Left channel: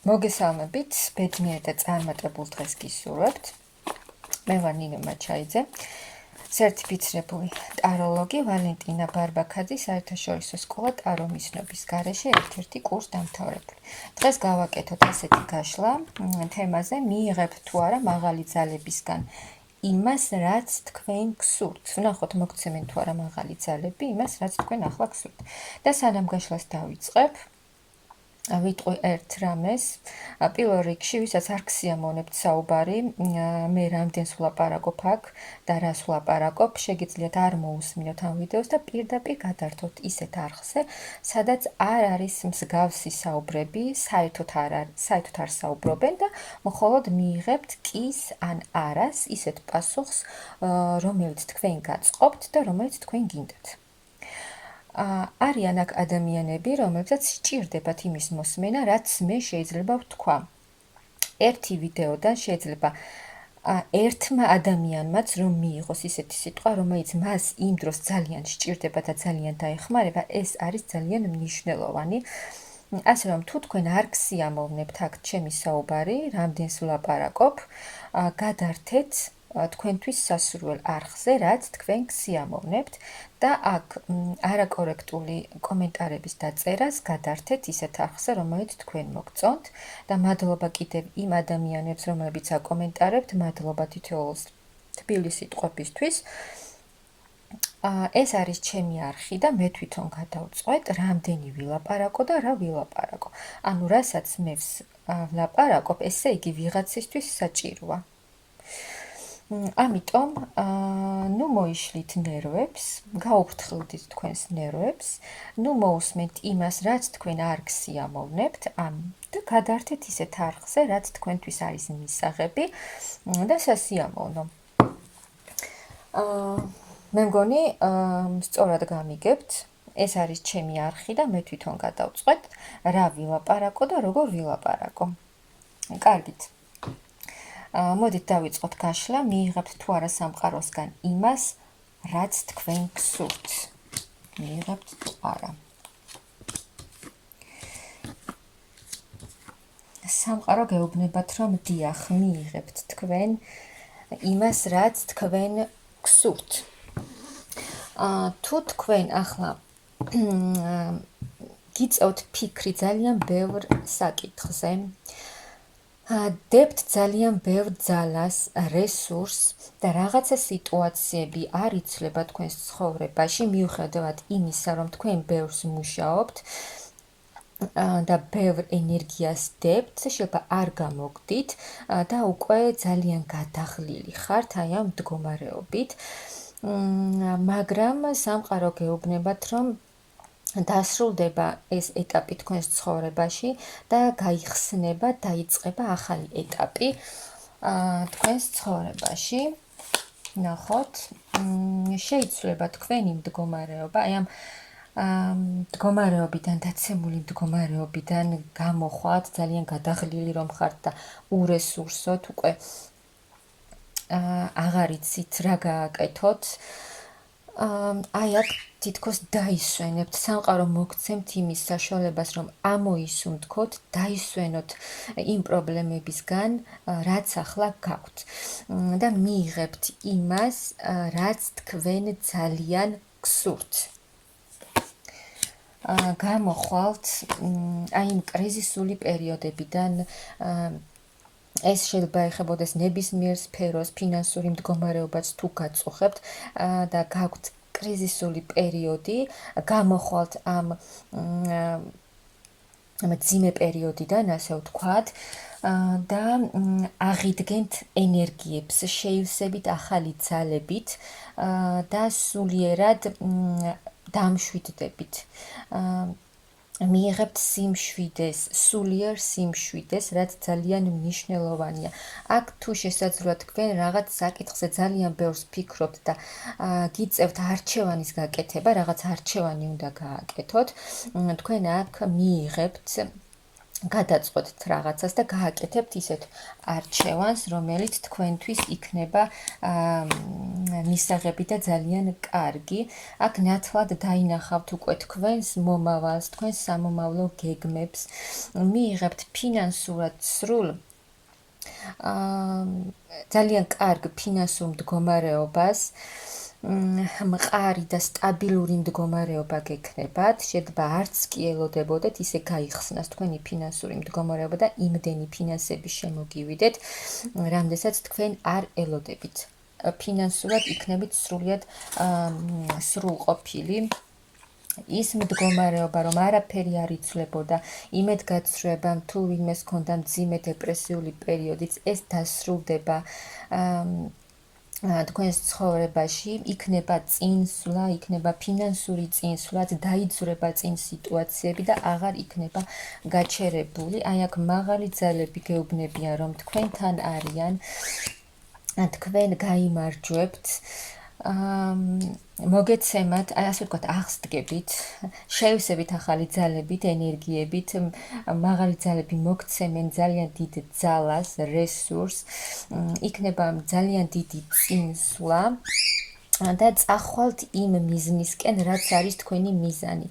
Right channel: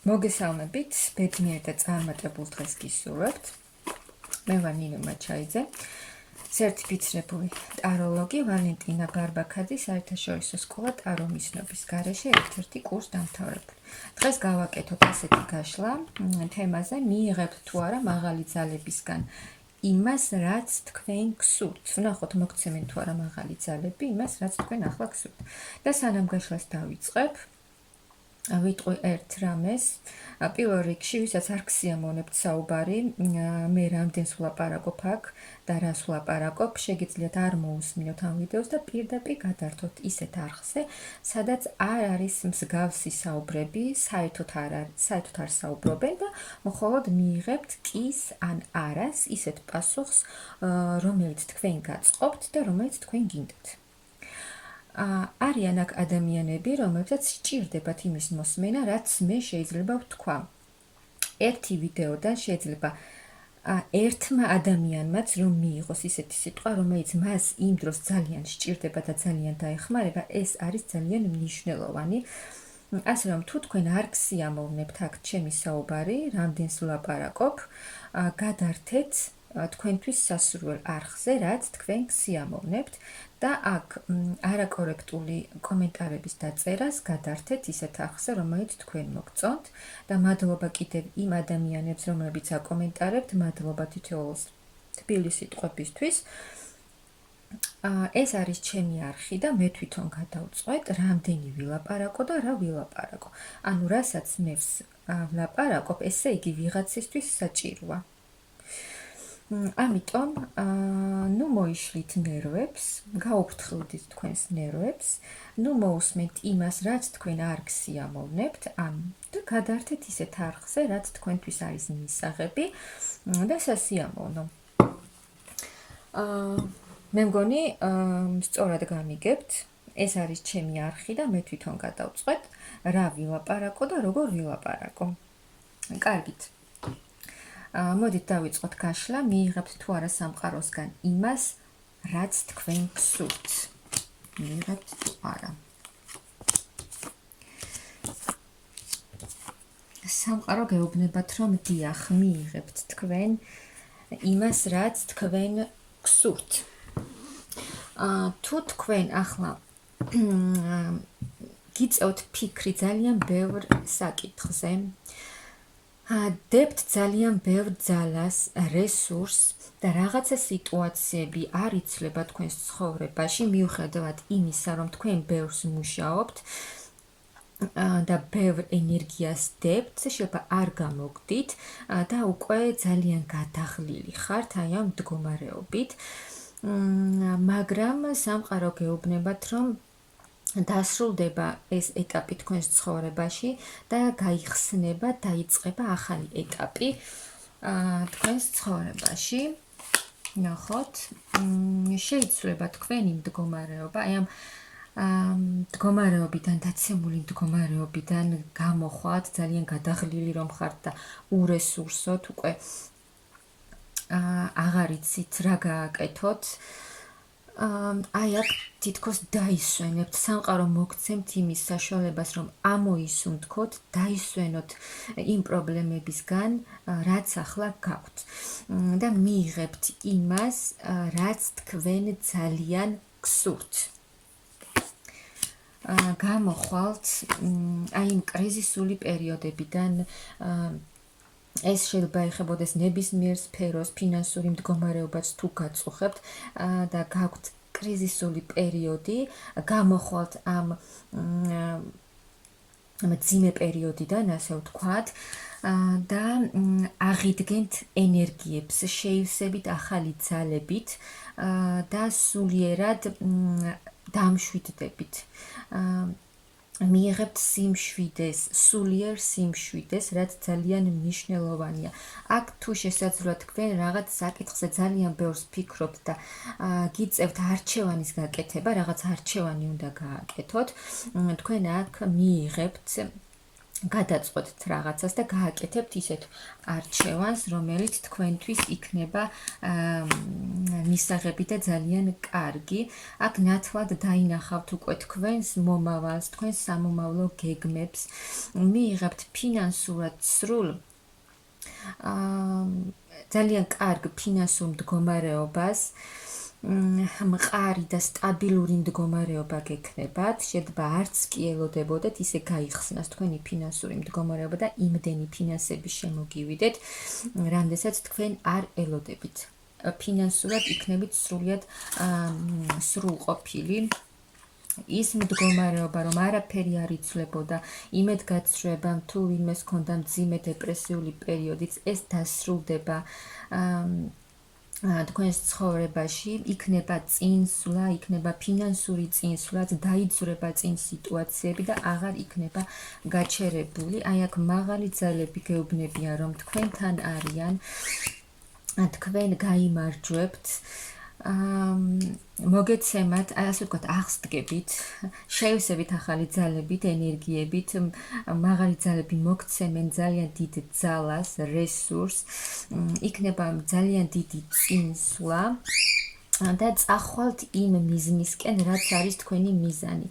მოგესალმებით, ბედნიერ და წარმატებულ დღეს გისურვებთ. მე ვარ ნინო მაჩაიძე, სერტიფიცირებული ტაროლოგი, ვალენტინა ბარბაქაძის საერთაშორისო სკოლა ტარო მისნობის გარეშე ერთ-ერთი კურს დამთავრებული. დღეს გავაკეთოთ ასეთი გაშლა თემაზე, მიიღებთ თუ არა მაღალი ძალებისგან იმას, რაც თქვენ გსურთ. ვნახოთ მოგცემენ თუ არა მაღალი ძალები იმას, რაც თქვენ ახლა გსურთ. და სანამ გაშლას დავიწყებ, ვიტყვი ერთ რამეს, პირველ რიგში, ვისაც არ გსიამოვნებთ საუბარი, მე რამდენს ვლაპარაკობ აქ და რას ვლაპარაკობ, შეგიძლიათ არ მოусმინოთ ამ ვიდეოს და პირდაპირ გადართოთ ისეთ არხზე, სადაც არ არის მსგავსი საუბრები, საერთოდ არ საუბრობენ და მხოლოდ მიიღებთ კის ან არას ისეთ პასუხს, რომელიც თქვენ გაწყობთ და რომელიც თქვენ გინდათ. არიან აქ ადამიანები, რომლებსაც სჭირდებათ იმის მოსმენა, რაც მე შეიძლება ვთქვა. ერთი ვიდეოდან შეიძლება ერთმა ადამიანმაც რომ მიიღოს ისეთი სიტყვა, რომელიც მას იმ დროს ძალიან სჭირდება და ძალიან დაეხმარება, ეს არის ძალიან მნიშვნელოვანი. ასე რომ თუ თქვენ არ გსიამოვნებთ აქ ჩემი საუბარი, რამდენს ვლაპარაკობ, გადართეთ თქვენთვის სასურველ არხზე, რაც თქვენ გსიამოვნებთ და აქ არაკორექტული კომენტარების დაწერას გადართეთ ისეთ არხზე, რომელიც თქვენ მოგწონთ და მადლობა კიდევ იმ ადამიანებს, რომლებიც აკომენტარებთ, მადლობა თითოეულს თბილი სიტყვებისთვის. ეს არის ჩემი არხი და მე თვითონ გადავწყვეტ, რამდენი ვილაპარაკო და რა ვილაპარაკო. ანუ რასაც მე ვლაპარაკობ, ესე იგი ვიღაცისთვის საჭიროა. ამიტომ, ნუ მოიშლით ნერვებს, გაუფრთხილდით თქვენს ნერვებს, ნუ მოусმენთ იმას, რაც თქვენ არ გსიამოვნებთ, და გადართეთ ისეთ არხზე, რაც თქვენთვის არის მისაღები და სასიამოვნო. მე მგონი, სწორად გამიგებთ, ეს არის ჩემი არხი და მე თვითონ გადავწყვეტ, რა ვილაპარაკო და როგორ ვილაპარაკო. კარგით. მოდით დავიწყოთ გაშლა, მიიღებთ თუ არა სამყაროსგან იმას, რაც თქვენ გსურთ. მიიღებთ თუ არა. სამყარო გეუბნებათ, რომ დიახ, მიიღებთ თქვენ იმას, რაც თქვენ გსურთ. თუ თქვენ ახლა გიწევთ ფიქრი ძალიან ბევრ საკითხზე, დებთ ძალიან ბევრ ძალას, რესურსს და რაღაცა სიტუაციები არ იცვლება თქვენს ცხოვრებაში, მიუხედავად იმისა, რომ თქვენ ბევრს მუშაობთ და ბევრ ენერგიას დებთ, შეიძლება არ გამოგდით და უკვე ძალიან გადაღლილი ხართ აი ამ მდგომარეობით, მაგრამ სამყარო გეუბნებათ, რომ დასრულდება ეს ეტაპი თქვენს ცხოვრებაში და გაიხსნება, დაიწყება ახალი ეტაპი თქვენს ცხოვრებაში. ნახოთ, შეიცვლება თქვენი მდგომარეობა, აი ამ მდგომარეობიდან, დაცემული მდგომარეობიდან გამოხვათ, ძალიან გადაღლილი რომ ხართ და ურესურსოთ, უკვე აღარ იცით რა გააკეთოთ. აი აქ თითქოს დაისვენებთ, სამყარო მოგცემთ იმის საშუალებას, რომ ამოისუნთქოთ, დაისვენოთ იმ პრობლემებისგან, რაც ახლა გაქვთ და მიიღებთ იმას, რაც თქვენ ძალიან გსურთ. გამოხვალთ აი იმ კრიზისული პერიოდებიდან, ეს შეიძლება ეხებოდეს ნებისმიერ სფეროს, ფინანსური მდგომარეობაც თუ გაწუხებთ და გაქვთ კრიზისული პერიოდი, გამოხვალთ ამ ძიმე პერიოდიდან, ასე ვთქვათ, და აღიდგენთ ენერგიებს, შეივსებით ახალი ძალებით და სულიერად დამშვიდდებით. მიიღებთ სიმშვიდეს, სულიერ სიმშვიდეს, რაც ძალიან მნიშვნელოვანია. აქ თუ შესაძლოა თქვენ რაღაც საკითხზე ძალიან ბევრს ფიქრობთ და გიწევთ არჩევანის გაკეთება, რაღაც არჩევანი უნდა გააკეთოთ, თქვენ აქ მიიღებთ გადაწყვეტთ რაღაცას და გააკეთებთ ისეთ არჩევანს, რომელიც თქვენთვის იქნება მისაღები და ძალიან კარგი. აქ ნათლად დაინახავთ უკვე თქვენს მომავალს, თქვენს სამომავლო გეგმებს, მიიღებთ ფინანსურად სრულ ძალიან კარგ ფინანსურ მდგომარეობას, მყარი და სტაბილური მდგომარეობა გექნებათ, შეიძლება არც კი ელოდებოდეთ ისე გაიხსნას თქვენი ფინანსური მდგომარეობა და იმდენი ფინანსების შემოგივიდეთ, რამდენსაც თქვენ არ ელოდებით. ფინანსურად იქნებით სრულიად სრულყოფილი. ის მდგომარეობა, რომ არაფერი არ იცვლებოდა, იმედგაცრუებამ თუ ვინმეს ჰქონდა მძიმე დეპრესიული პერიოდიც, ეს დასრულდება თქვენს ცხოვრებაში, იქნება წინსვლა, იქნება ფინანსური წინსვლა, დაიძვრება წინ სიტუაციები და აღარ იქნება გაჩერებული. აი აქ მაღალი ძალები გეუბნებიან, რომ თქვენთან არიან, თქვენ გაიმარჯვებთ, მოგეცემათ, ასე ვთქვათ, აღსდგებით, შევსებით ახალი ძალებით, ენერგიებით, მაღალი ძალები მოგცემენ ძალიან დიდ ძალას, რესურსს, იქნება ძალიან დიდი წინსვლა და წახვალთ იმ მიზნისკენ, რაც არის თქვენი მიზანი.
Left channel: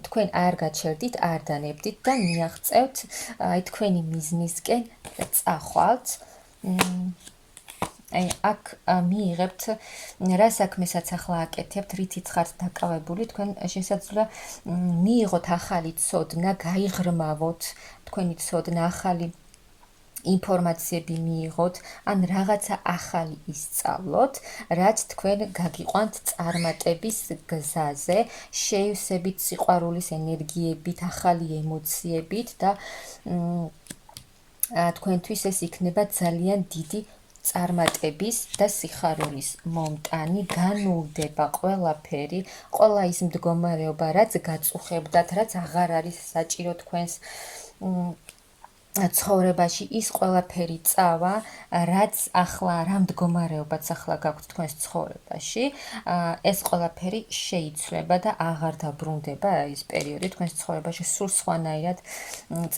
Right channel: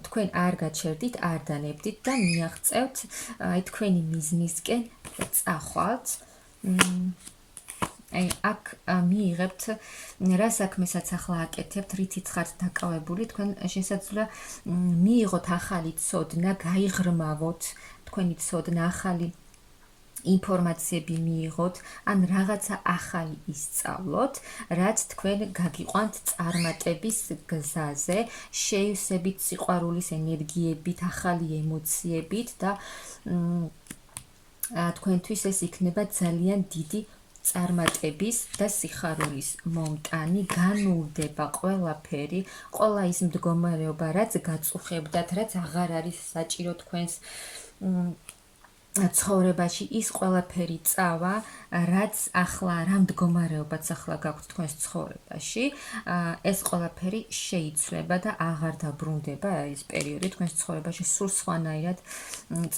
თქვენ არ გაჩერდით, არ დანებდით და მიაღწევთ აი თქვენი მიზნისკენ წახვალთ. აი აქ მიიღებთ რა საქმესაც ახლა აკეთებთ, რითიც ხართ დაკავებული, თქვენ შესაძლოა მიიღოთ ახალი ცოდნა, გაიღრმავოთ თქვენი ცოდნა, ახალი ინფორმაციები მიიღოთ, ან რაღაცა ახალი ისწავლოთ, რაც თქვენ გაგიყვანთ წარმატების გზაზე, შეივსებით სიყვარულის ენერგიებით, ახალი ემოციებით და თქვენთვის ეს იქნება ძალიან დიდი წარმატების და სიხარულის მომტანი, განულდება ყველაფერი, ყველა ის მდგომარეობა, რაც გაწუხებდათ, რაც აღარ არის საჭირო თქვენს ცხოვრებაში, ის ყველაფერი წავა, რაც ახლა რა მდგომარეობაც ახლა გაქვთ თქვენს ცხოვრებაში, ეს ყველაფერი შეიცვლება და აღარ დაბრუნდება ის პერიოდი თქვენს ცხოვრებაში, სულ სხვანაირად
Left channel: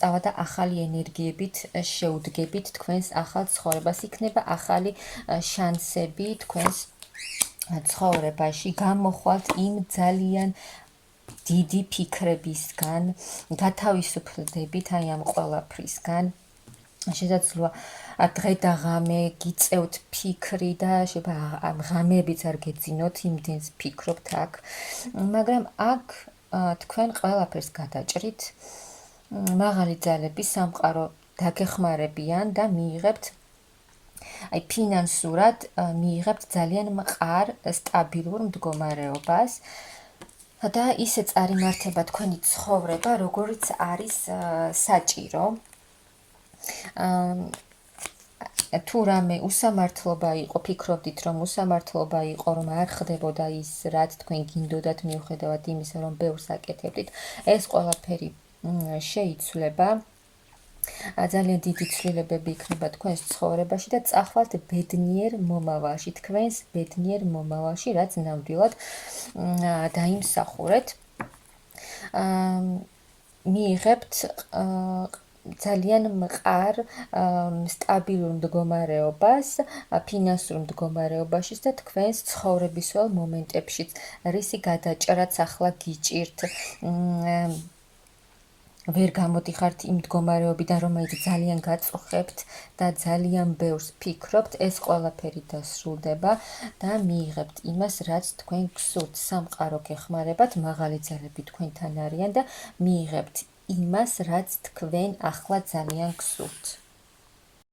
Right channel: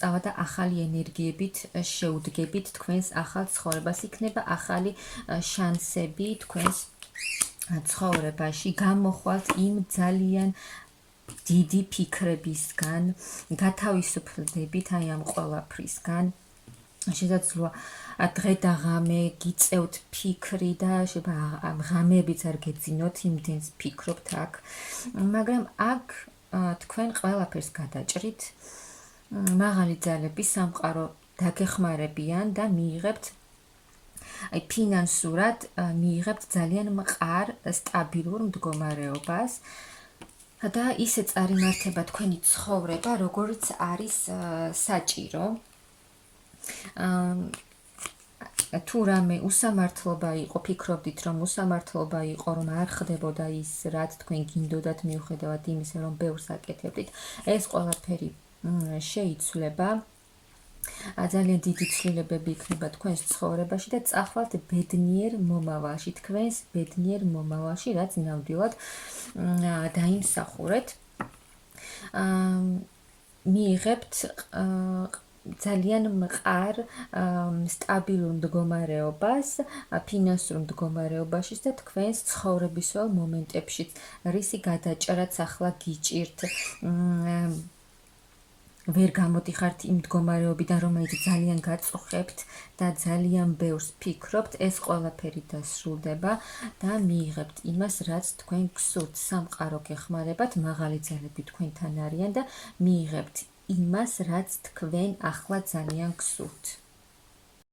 წავა და ახალი ენერგიებით შეუდგებით თქვენს ახალ ცხოვრებას, იქნება ახალი შანსები თქვენს ცხოვრებაში, გამოხვალთ იმ ძალიან დიდი ფიქრებისგან, გათავისუფლდებით აი ამ ყველაფრისგან. შესაძლოა დღე და ღამე გიწევთ ფიქრი და შეიძლება ღამეებიც არ გეძინოთ, იმდენს ფიქრობთ აქ, მაგრამ აქ თქვენ ყველაფერს გადაჭრით, მაღალი ძალები სამყარო დაგეხმარებიან და მიიღებთ აი ფინანსურად მიიღებთ ძალიან მყარ სტაბილურ მდგომარეობას და ისე წარიმართება თქვენი ცხოვრება, როგორც არის საჭირო. თუ რამე უსამართლობა იყო, ფიქრობდით, რომ უსამართლობა იყო, რომ არ ხდებოდა ის, რაც თქვენ გინდოდათ მიუხედავად იმისა, რომ ბევრს აკეთებდით, ეს ყველაფერი შეიცვლება. ძალიან დიდი ცვლილებები იქნება თქვენს ცხოვრებაში და წახვალთ ბედნიერ მომავალში, თქვენს ბედნიერ მომავალში, რაც ნამდვილად დაიმსახურეთ. მიიღებთ ძალიან მყარ სტაბილურ მდგომარეობას, ფინანსურ მდგომარეობაში და თქვენს ცხოვრებისეულ მომენტებშიც, რისი გადაჭრაც ახლა გიჭირთ, ვერ გამოდიხართ იმ მდგომარეობიდან, რომელიც ძალიან გაწუხებთ და ძალიან ბევრს ფიქრობთ, ეს ყველაფერი დასრულდება და მიიღებთ იმას, რაც თქვენ გსურთ, სამყარო გეხმარებათ, მაღალი ძალები თქვენთან არიან და მიიღებთ იმას, რაც თქვენ ახლა ძალიან გსურთ.